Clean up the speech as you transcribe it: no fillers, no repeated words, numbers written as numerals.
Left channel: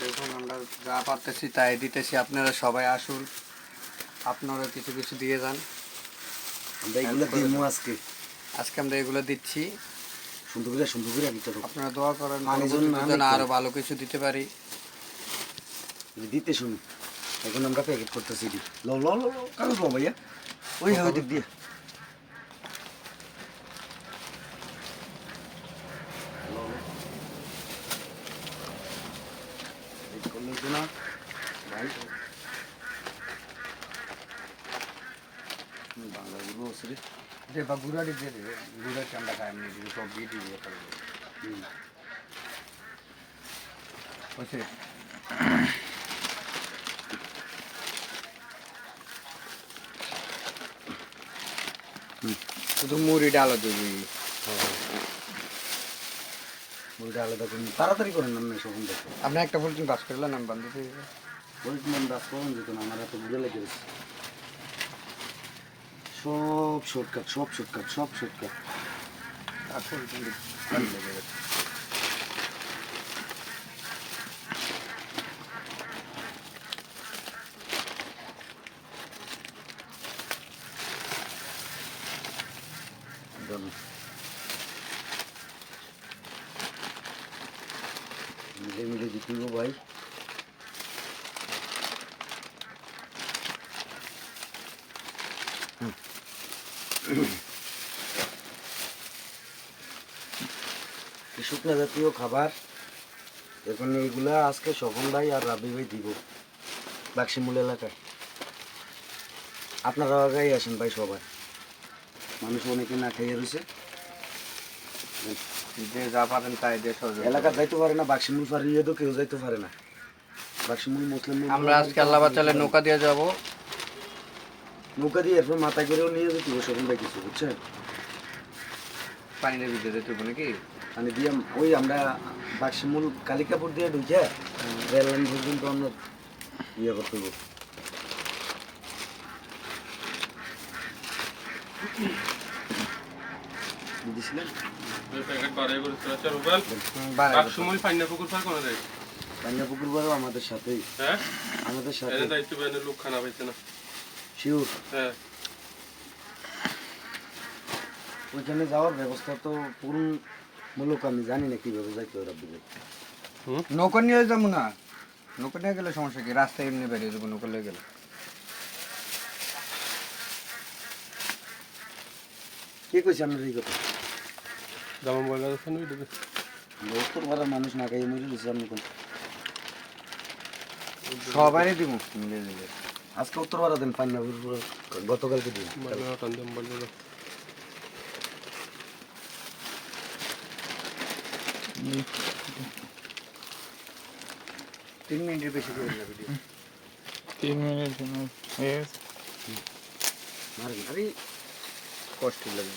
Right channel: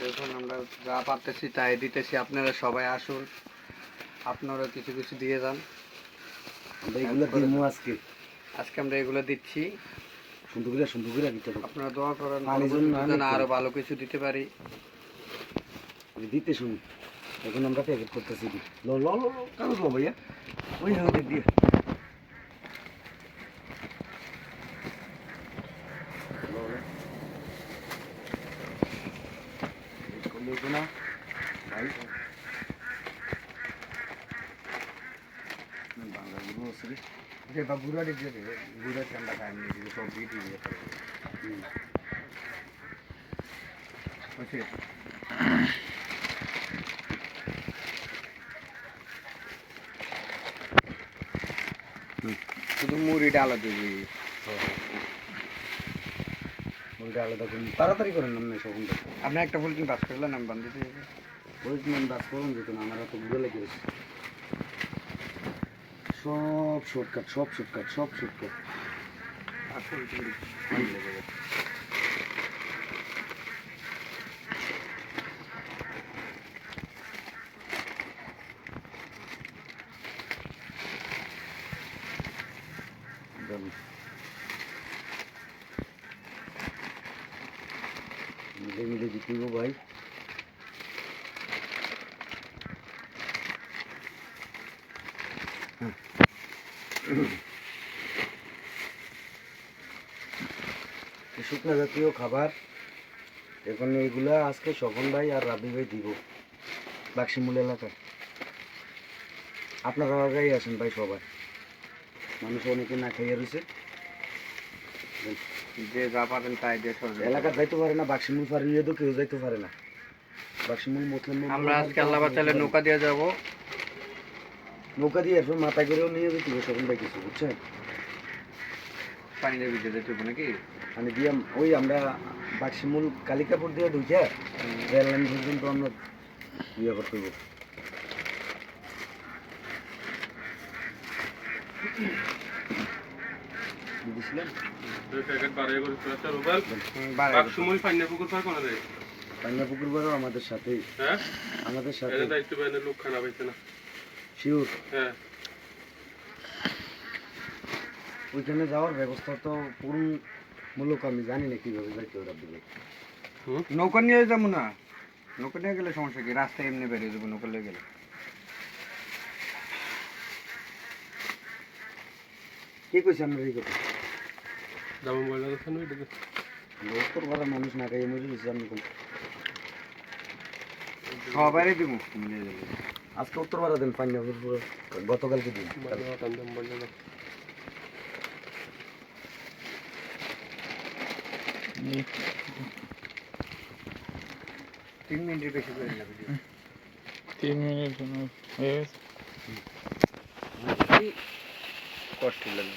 দেখুন আমরা যা পারতেছি তাই দিতেছি, আপনারা সবাই আসুন, আপনারা কিছু কিছু দিয়ে যান। আমরা এগুলো দিমু আজকে আমরা এগুলো দিচ্ছি, সুন্দর করে দিতে তো আপনারা দোয়া করেন পানির জন্য আরো ভালো কিছু দিতে পারি। দিতে শুনি এখন আমরা প্যাকেট করতেছি ল ল ল কাগজ লো ভাইয়া ওই হ্যাঁ দিক দিয়ে না ভাই বাংলা গুলো আছে যে বা গুড়াটি দিয়ে দেবে, গুড়ার চান্দা খায় এমনি যদি সব দিয়ে দিয়ে করবে বুঝছে। শুধু মুড়ি ডাল দিবি, মুড়িটা আলাদা করুন তাড়াতাড়ি করেন না সখন আপনি একটা ফুল বাস করলে নাম বান্ধব বলছিলাম দাস করুন যেত না আমার এত ঘুরে লেগে গেছে সব শর্টকাট মিলে মিলে জিতব ভাই শুকনো জাতীয় খাবার এখন এইগুলা আজকে স্বপন ভাই আর রাবি ভাই দিব বাক্সিমূল এলাকায়। আপনারা আগাই আসেন ভাই সবাই, মানুষ অনেকে না খাইয়ে রয়েছে, যে যা পারেন তাই দিয়ে এলাকা যাইতে পারে না, বাক্সিমূল ফারিয়ে তো কেউ যাইতে পারে না। বাক্সিমূল মুসলিম আমরা আজকে আল্লাহ বাঁচালে নৌকা দিয়ে যাব, নৌকা দিয়ে এরপর মাথায় করেও নিয়ে যেতে স্বপন ভাই কিছু বুঝছেন, পানির ভিতরে যেতে হবে নাকি মানে দিয়ে ওই আমরা বাক্সিমূল কালিকাপুর দিয়ে ঢুকে রেল লাইন পর্যন্ত আমরা ইয়ে করতে হইব। বুঝেছিলেন পান্নাপুকুর বারও আমাদের সাথেই, আমাদের সাথে শিওর ওইখানে যাওয়ার ব্যবস্থা তো পূর্ণ মূলক আমি জানি না কিভাবে যাইতে ওরা দিলে। নৌকা নিয়ে যাবো না, নৌকা নিয়ে গেলে সমস্যা কি, রাস্তায় এমনি বেরিয়ে যাবো নৌকা নিয়ে গেলে। কে কইছে আমরা এই কথা? যেমন বলে দেবে উত্তর ভাড়ার মানুষ না খাইয়ে মরে গেছে আমি কোন সবাই দিব মিলে যাবে। আজকে উত্তর ভাড়া দেন পান্নাপুর গতকালকে দিন 3 মিনিটের বেশি করে লাগবে, 3 মিনিট হয়ে গেছে। কষ্ট লাগে।